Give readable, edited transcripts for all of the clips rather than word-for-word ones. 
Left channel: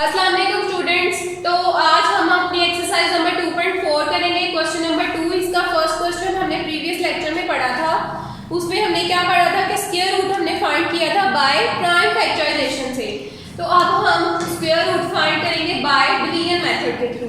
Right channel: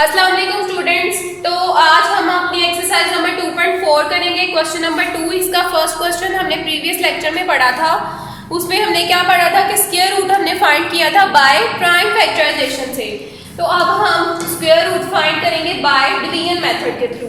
अस्सलाम वालेकुम स्टूडेंट्स। तो आज हम अपनी एक्सरसाइज नंबर 2.4 करेंगे। क्वेश्चन नंबर 2, इसका फर्स्ट क्वेश्चन हमने प्रीवियस लेक्चर में पढ़ा था। उसमें हमने क्या पढ़ा था कि स्क्वायर रूट हमने फाइंड किया था बाय प्राइम फैक्टराइजेशन से। तो अब हम स्क्वायर रूट फाइंड करेंगे बाय डिवीजन मेथड के थ्रू।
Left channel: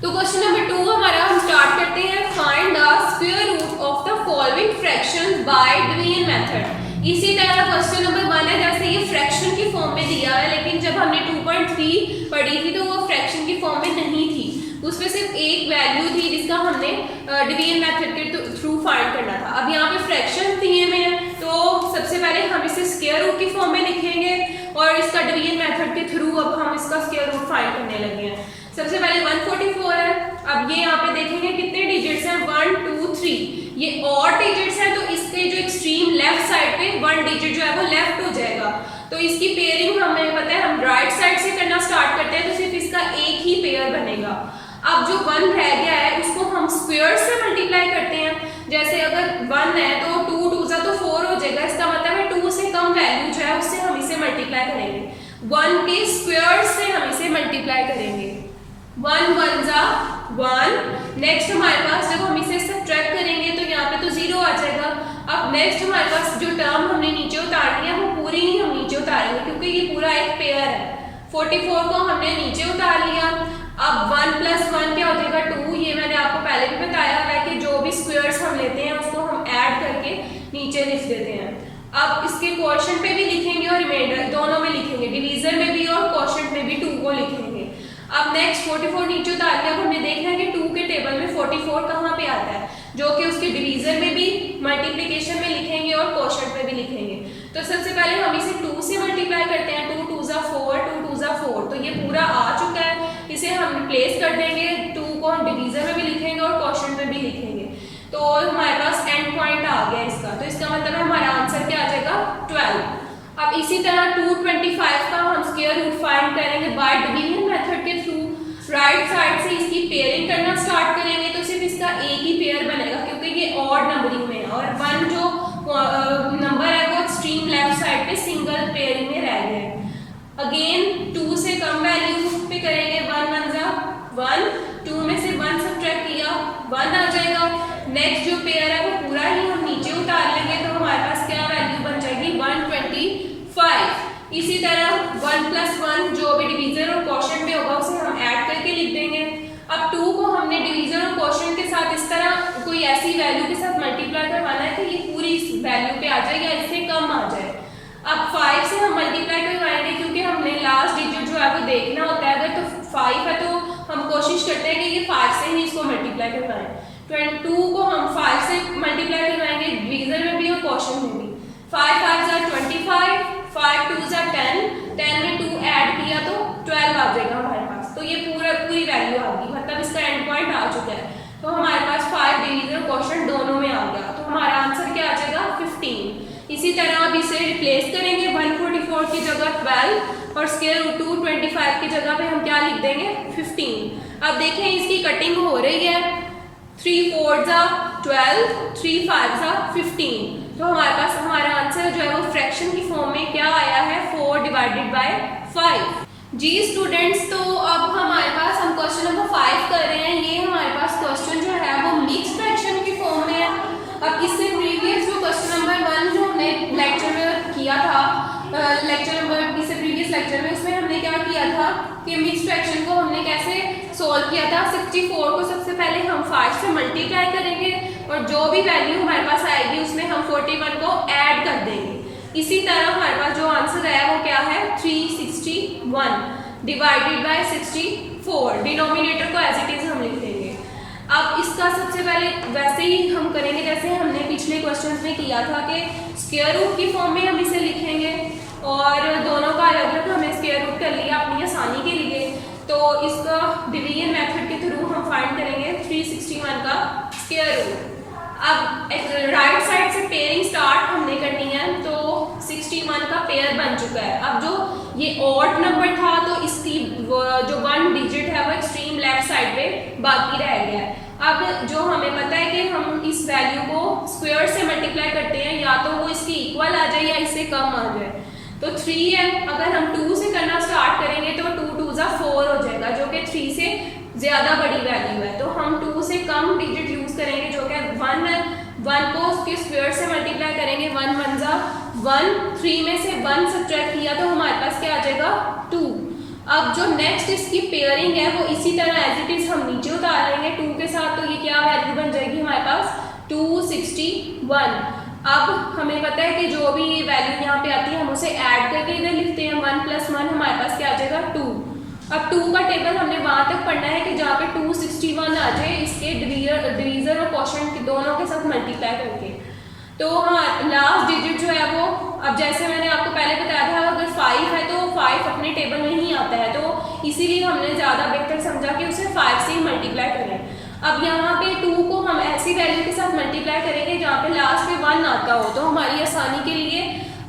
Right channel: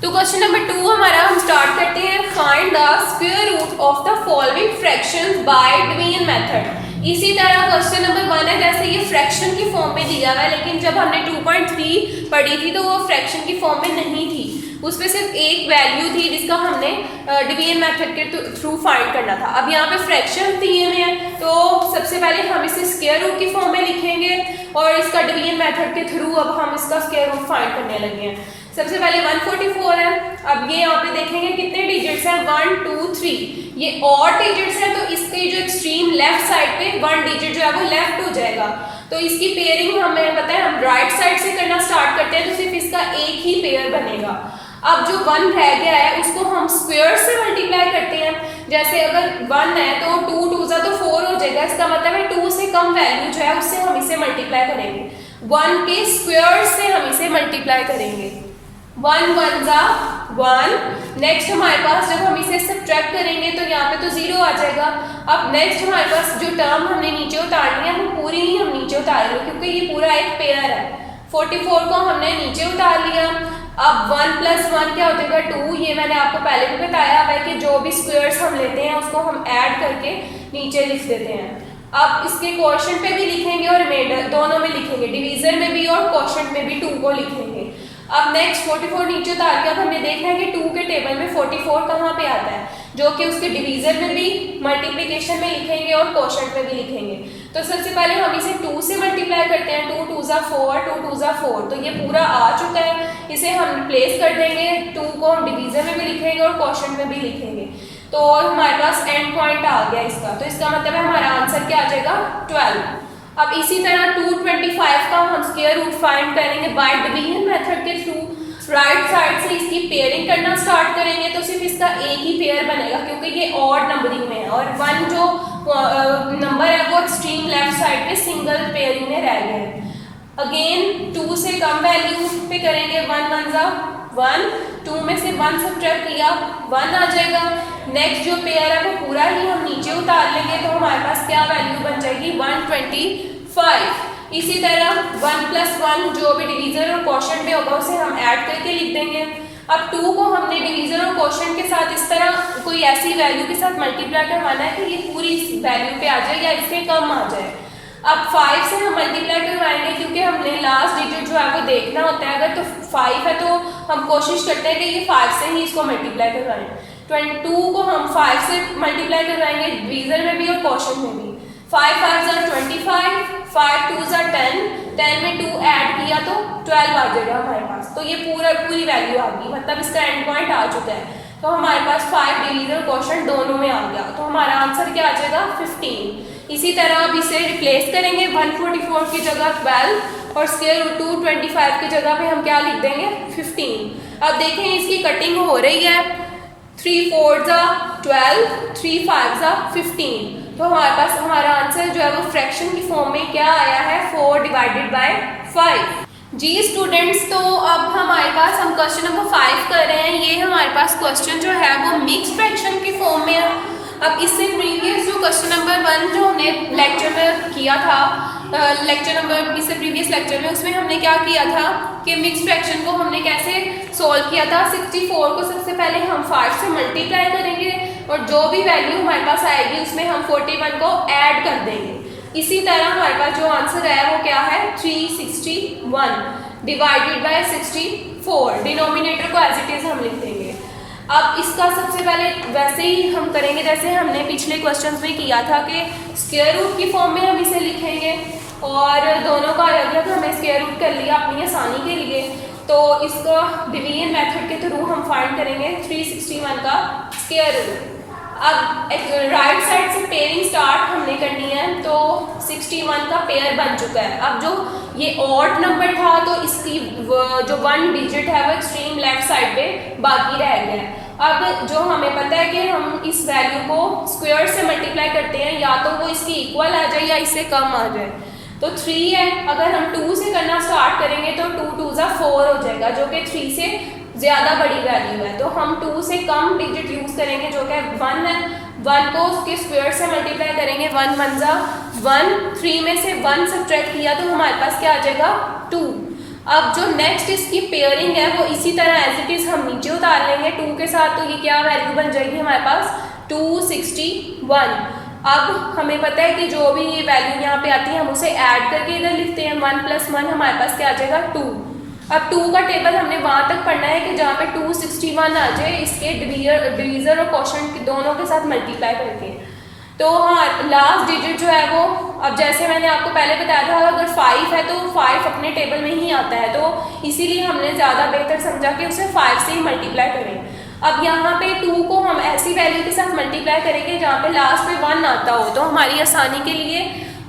तो क्वेश्चन नंबर 2 हमारा हम स्टार्ट करते हैं। Find the square root of the following fractions by division method. इसी तरह क्वेश्चन नंबर 1 है, जैसे ये फ्रैक्शन की फॉर्म में दिया हुआ है, लेकिन जब हमने 2.3 पढ़ी थी तो वो फ्रैक्शन की फॉर्म में नहीं थी। उसमें सिर्फ एक वैल्यू थी जिसका हमने डिवीजन मेथड के थ्रू फाइंड करना था। अब यहाँ पे फ्रैक्शन दिए हुए हैं, तो सबसे पहले हम इसे स्क्वायर रूट की फॉर्म में लिखेंगे और इसका डिवीजन मेथड के थ्रू अब हम इसका स्क्वायर रूट फाइंड करने लगे हैं। सबसे पहले 144 है। अब ये यहाँ पे देखेंगे कितने डिजिट्स हैं, 1 2 3। ये ऑड डिजिट्स है, तो इसके जो एक्सट्रीम लेफ्ट साइड पे 1 डिजिट जो है वो लेफ्ट हो जाएगा। तो इसकी पेयरिंग हमें पता है, हम राइट साइड से करना स्टार्ट करते हैं तो सिर्फ इसका एक ही पेयर बनेगा। अब जो 1 रह गया है उसको हम स्क्वायर से मल्टीप्लाई करते हैं। जैसे अगर 1 है तो 2 2 तो 4 हो जाएगा। इसका मतलब है 2 से कम वैल्यू जो है उससे हम इसे मल्टीप्लाई करेंगे। 1 के स्क्वायर से हम इसे मल्टीप्लाई करेंगे। 1 1 जा 1। नेक्स्ट हमारे पास जब हम इसे सब्ट्रैक्ट करेंगे तो यहाँ पे तो 0 आ जाएगा। अब नेक्स्ट हमारे पास जो टर्म हमने नीचे उतारनी है वो पूरी ही हम नीचे उतारेंगे, क्योंकि ये पूरा एक पेयर है। 44 को हमने नीचे उतार लिया। अब 1 + 1 क्या हो जाएगा, 2। ये मैंने आपको पहले भी बताया है कि जो भी स्क्वायर्स हम लेते हैं उसको हम ऐड करके नीचे लिख देते हैं। अब इसके क्वोशिएंट पे भी लिखेंगे और रिमाइंडर दोनों में लिखेंगे, डिवीजन में भी और क्वोशिएंट में भी 2 को लिखेंगे। अब नेक्स्ट 44 नीचे उतार के अब हमने देखना है कि 2 के टेबल में 44 कहाँ पे आता है, जो कि उसके डिवीजन में भी मल्टीप्लिकेशन में लिखेंगे और क्वोशिएंट में भी लिखेंगे। तो सबसे पहले हम इसे 2 से मल्टीप्लाई करते हैं। 2 2 = 4, 2 2 = 4। तो ये पूरा आ चुका है। इसे हम रिप्लेस कर देंगे। 2 को हम डिवीजन में भी लिखेंगे और क्वोशिएंट में भी लिखेंगे। तो हमारे पास एंड पॉइंट आ गया इसका। तो इसका मतलब है हमारा आंसर क्या आ जाएगा, 12। अब इसी तरह 225 का हम स्क्वायर रूट फाइंड करेंगे बाय डिवीजन मेथड के थ्रू। राइट साइड से इसकी पेयरिंग करना स्टार्ट करेंगे तो सिर्फ इसका एक ही पेयर बनेगा, क्योंकि ये ऑड नंबरिंग में है और 1 जो नंबर है वो एक्सट्रीम लेफ्ट साइड पे सिंगल पेयरिंग में रह गए। अगेन 2 से कम वैल्यू पे करेंगे। 1 1 जा 1। 2 में से 1 सब्ट्रैक्ट किया, 1 आ जाएगा। नेक्स्ट जो पेयर है वो पूरा ही हम नीचे उतार लेंगे, तो हमारे पास क्या वैल्यू बन जाएगी, 125। इसी तरह 1 + 1 जो भी डिवीजन और क्वोशिएंट में होगा उसे हम ऐड करके लिख देंगे। अब 2 को हमने डिवीजन और क्वोशिएंट के साथ इस तरह कोई ऐसी वैल्यू के साथ मल्टीप्लाई करवाना है कि ये पूरी इस वैल्यू पे आ जाए या इससे कम आ जाए। अब 5 से हम मल्टीप्लाई करवाएंगे, क्योंकि हमने लास्ट डिजिट जो है वो देखना होता है। अगर तो 5 है तो हम कोशिश करते हैं कि ये 5 से ही इसको मल्टीप्लाई करवाएं। 22 को हम 5 से मल्टीप्लाई करवाएंगे, डिवीजन में भी और क्वोशिएंट में भी। 5 5 = 25, 5 2 = 10। 10 में 2 ऐड किया तो 12 आ जाएगा हमारे पास। तो ये पूरी वैल्यू आ गई, मतलब इसका एंड पॉइंट आ चुका है। तो हमारे पास 5 डिवीजन क्वोशिएंट दोनों में आ गया। तो हमारा आंसर क्या आ जाएगा, 15। इसी तरह अब इसे रिप्लेस करेंगे। 144 की जगह 12 और स्क्वायर रूट 225 की जगह पे हम क्या लिख देंगे, 15। अब देखें इसकी कटिंग हो रही है। 3 4 = 12, 3 5 = 15। तो हमारे पास हमारा आंसर जो है वो फ्रैक्शन की फॉर्म में क्या आया है, 4/5। जी स्टूडेंट्स, तो अब हमारे पास हम क्वेश्चन नंबर 5 कर रहे हैं। ये हमारे पास क्वेश्चन जो है वो मिक्स फ्रैक्शन की फॉर्म में है। अब इससे प्रीवियस जो क्वेश्चन नंबर 1 जो हमने लेक्चर में किया था, इससे प्रीवियस लेक्चर में, उसमें हमने क्या किया था कि मिक्स फ्रैक्शन को हमने कैसे सॉल्व किया था। 64 को सबसे पहले हम 5 से मल्टीप्लाई करेंगे और जो भी वैल्यू हमारे पास आएगी उसमें हम 41 को ऐड कर देंगे। इसी तरह हमारे पास जो आंसर आया वो क्या है, 361 / 64। डिनोमिनेटर को एज इट इज हम लिख देंगे। अब इसका सबसे पहले वैसे ही हम करेंगे जैसे हमने पिछले क्वेश्चंस में किया था कि स्क्वायर रूट की फॉर्म में हम इसे लिखेंगे और दोनों का अलग अलग हमने स्क्वायर रूट कर लिया अपनी आसानी के लिए। तो इसका डिवीजन मेथड के थ्रू हम फाइंड करेंगे 361 का स्क्वायर रूट। अब राइट साइड से पेयरिंग स्टार्ट हमने करनी है, तो 61 का पेयर बन चुका है। अब जो ये ऑड नंबर था तो इसकी जो 1 डिजिट है वो एक्सट्रीम लेफ्ट साइड पे बाकी रह गया है। अब जो हमें पता है कि हम इस वैल्यू को स्क्वायर से मल्टीप्लाई करते हैं, या तो वो इसकी इक्वल आ जाए या इससे कम आ जाए। तो 3 है, अगर हम 2 से करना स्टार्ट करेंगे तो 2 2 = जाएगा जो कि 3 से ज़्यादा बड़ी वैल्यू है। तो हम 2 से कम डिजिट यूज़ करेंगे जो कि 1 है। 1 को उसके स्क्वायर से मल्टीप्लाई करेंगे, 1 1 जा 1, 3 में से 1 सब्ट्रैक्ट किया तो हमारे पास क्या आ जाएगा 2। अब जो नेक्स्ट इसकी पेयरिंग है वो इसी तरह एज इट इज़ हम नीचे उतार लेंगे 2 के साथ, तो ये क्या वैल्यू बन जाएगी हमारे पास 261। अब हमें पता है कि जो भी ये वैल्यू यहाँ पे आती है हम उसे ऐड करके इधर लिखते हैं, 1 + 1 हमारे पास क्या आ जाएगा 2। अब 2 का टेबल हमने वहाँ तक पढ़ना है कि जहाँ पे 261 आ जाए इसके डिवीज़र और क्वोशंट दोनों के साथ मल्टीप्लाई करके। तो हाँ लास्ट डिजिट जो है वो, अब जैसे मैंने आपको पहले बताया था अगर 5 है तो 5 अपने टेबल में ही आता है, तो इसीलिए हमने ज़्यादा बेहतर समझा कि उसे 5 से ही मल्टीप्लाई करें। अब यहाँ पे 2 को हम ऐसी वैल्यू के साथ मल्टीप्लाई करेंगे जहाँ पे लास्ट में 1 आता हो, तो हमारी आसानी के लिए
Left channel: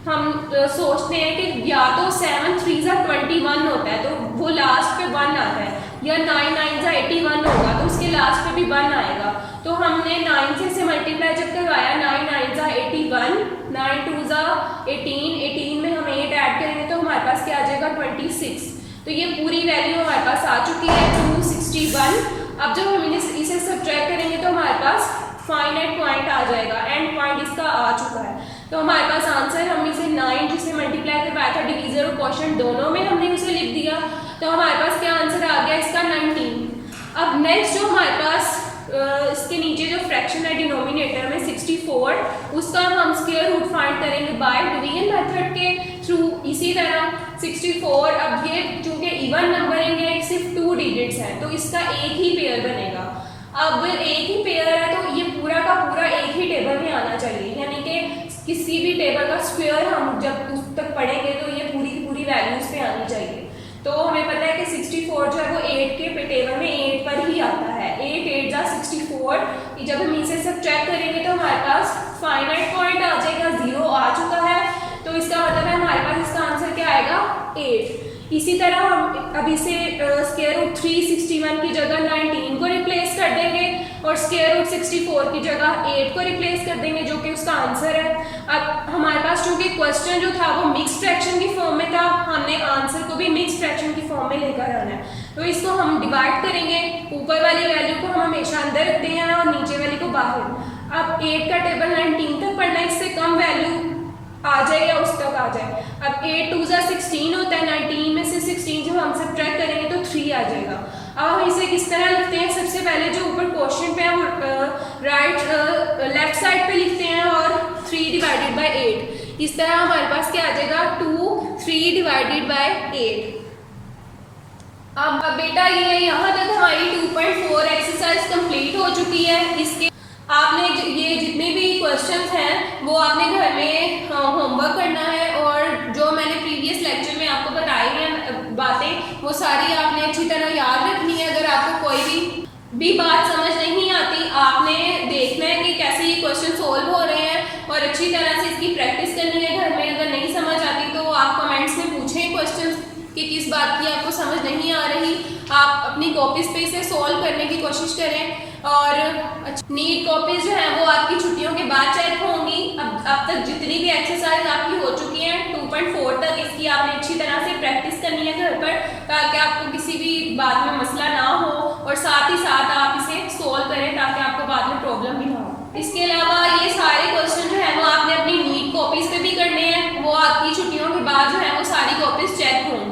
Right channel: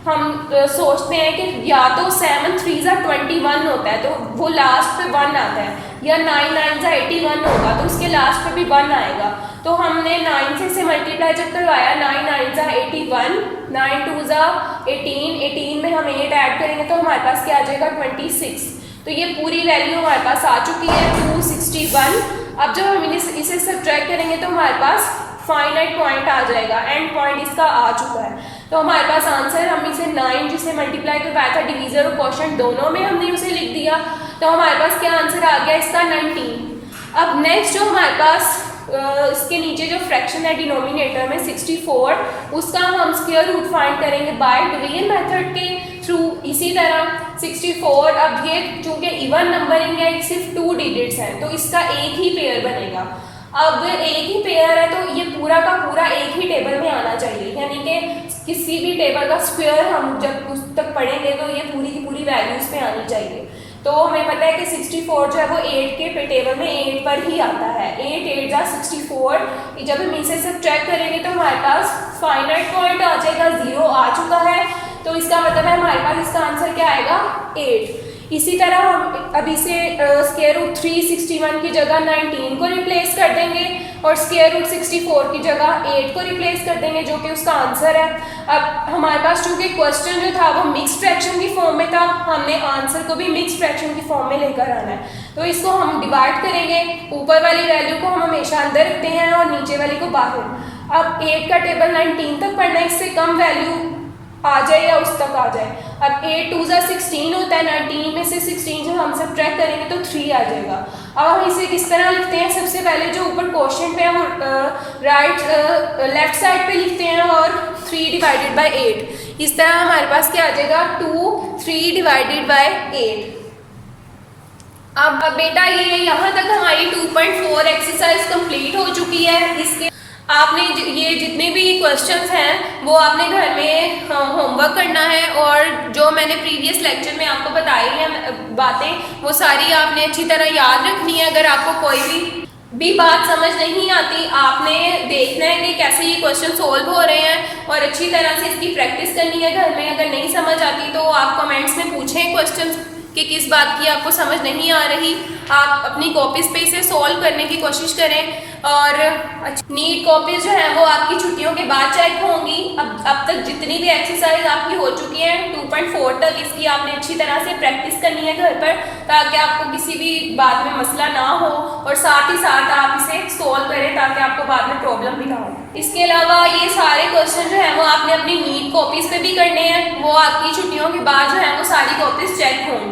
हम सोचते हैं कि या तो 7 3 जा 21 होता है तो वो लास्ट पे 1 आता है, या 9 9 जा 81 होगा तो उसके लास्ट पे भी 1 आएगा। तो हमने 9 से इसे मल्टीप्लाई जब करवाया, 9 9 जा 81, 9 2 जा 18, 18 में हम 8 ऐड करेंगे तो हमारे पास क्या आ जाएगा 26। तो ये पूरी वैल्यू हमारे पास आ चुकी है 261। अब जब हम इसे सब्ट्रैक्ट करेंगे तो हमारे पास फाइनाइट पॉइंट आ जाएगा, एंड पॉइंट इसका आ चुका है। तो हमारे पास आंसर, हम इसे 9 जिसे मल्टीप्लाई करवाया था डिवीज़र और क्वोशंट दोनों में हमने उसे लिख दिया, तो हमारे पास क्या आंसर आ गया इसका 19। अब नेक्स्ट जो हमारे पास इसके नीचे जो फ्रैक्शन है डिनोमिनेटर में 64, उसका हम स्क्वायर रूट फाइंड करेंगे बाय डिवीजन मेथड के थ्रू। इसी तरह 64, अब ये चूँकि इवन नंबरिंग है सिर्फ 2 डिजिट्स हैं तो इसका एक ही पेयर बनेगा। अब एक ही पेयर है तो ये पूरा का पूरा एक ही टेबल में आना चाहिए, यानी कि किसी भी टेबल का स्क्वायर हम जब उस तक पढ़ेंगे तो ये पूरी की पूरी वैल्यूज पे आनी चाहिए। तो हमें पता है कि 64 जो है वो 8 के टेबल में 8 पर ही आता है, 8 8 जा 64। जब हम इसे सब्ट्रैक्ट करेंगे तो हमारे पास फाइनाइट पॉइंट आ जाएगा, 0 आ चुका है, तो इसका मतलब है हमारे पास इसका आंसर क्या आएगा 8। इसी तरह हम अब इसे स्क्वायर रूट 361 की जगह 19 को रिप्लेस कर देंगे और स्क्वायर रूट 64 की जगह 8 को रिप्लेस कर देंगे जो कि उसका आंसर है। अब हमारे पास चूँकि क्वेश्चन जो था वो मिक्स फ्रैक्शन की फॉर्म में था, हमने आंसर को भी मिक्स फ्रैक्शन की फॉर्म में लेकर आना है, तो इसको हम डिवाइड करेंगे, ऊपर वाली वैल्यू को हम हमेशा अंदर रखते हैं और नीचे वाली को बाहर। अब 8 का टेबल 19 तक पढ़ना है, इससे कम वैल्यू आ जाए या उस तक आ जाए। अब 8 2 जा 16 होता है, 19 में से 16 जब हम सब्ट्रैक्ट करेंगे तो 3 आ जाएगा। अब हम इसे किस तरह लिखते हैं, सबसे पहले जो ऊपर क्वेश्चन पे है वो लेफ्ट साइड पे लिखते हैं और 3 डिवाइडेड बाय 8, इस तरह हमारे पास क्या आ जाएगा 2 3 डिवाइडेड बाय 8। अब बेटा ये यहाँ तक हमारी 2.4 एक्सरसाइज कंप्लीट हो चुकी है। इसके आपने ये जितने भी क्वेश्चंस हैं वो आपने घर में होमवर्क करना है, और जो मैंने प्रीवियस लेक्चर में आपको बताई हैं बातें वो सारी आपने अच्छी तरह याद रखनी है। अगर आपको कोई भी बात समझ नहीं आती आपने देखना है कि कैसे ये क्वेश्चन सोल्व हो रहे हैं और अच्छी तरह से इसकी प्रैक्टिस करनी है घर में। अगर नहीं समझ आती तो आप कमेंट्स में पूछें क्वेश्चन कि किस बात की आपको समझ नहीं आ रही, आप अपनी कॉपीज़ पे इसे सॉल्व करने की कोशिश करें। और नीट कॉपीज़ जो हैं वो आपकी छुट्टियों के बाद चेक होंगी। अब तक जितनी भी एक्सरसाइज आपकी हो चुकी है 2.4 तक, इसकी आपने अच्छी तरह से प्रैक्टिस करनी है घर पर, ताकि आपको किसी भी बात में मसला ना हो और साथ ही साथ आप इसे सॉल्व करें ताकि आपको बाद में प्रॉब्लम भी ना हो। इसके अलावा ये सारे क्वेश्चन जो हैं वो आपने अपनी नीट कॉपीज़ पे भी करने हैं, वो आपकी छुट्टियों के बाद जो है वो सारी कॉपीज़ चेक होंगी।